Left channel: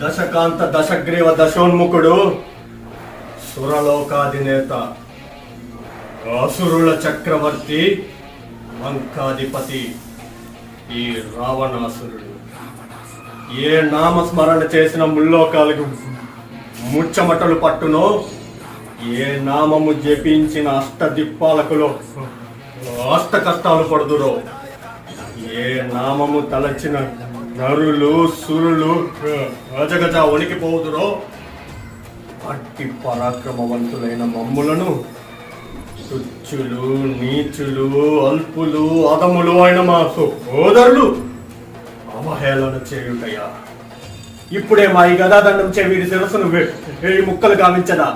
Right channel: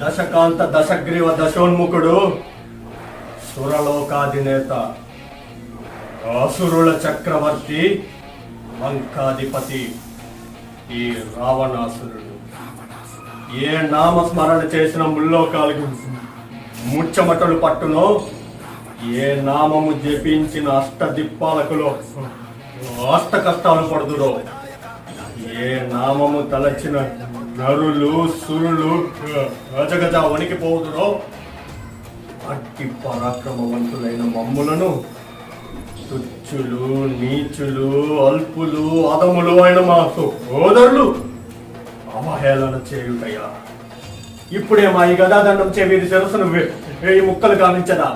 దశకాంత దశగ్రీవ దశోన్ముఖుడు, సురలోకాధినేత, అసురుల చక్రవర్తి, లంకాధిపతి ఈ రావణాసురుడు. ఏ నామస్మరణ చేసిన ముల్లోకాలకు ముచ్చమటలు పట్టునో, ఏ నామము జపించిన అష్టదిప్పాలకులో అష్ట కష్టాలు పడుదురో, ఏ నామము తలచిన నరులు సురులు గజగజ వణికిపోదురో, అట్టి పరాక్రమవంతులైన మమ్ములను తుచ్చులు, నీచులు, అల్పులు, అదములు అయిన మా సోదరులు అవహేళన చేయుటయ్యా. ఇప్పుడే మా ఈ గదాదండం చే వీడి శిరస్సును 1000 ముక్కలు గావించదా?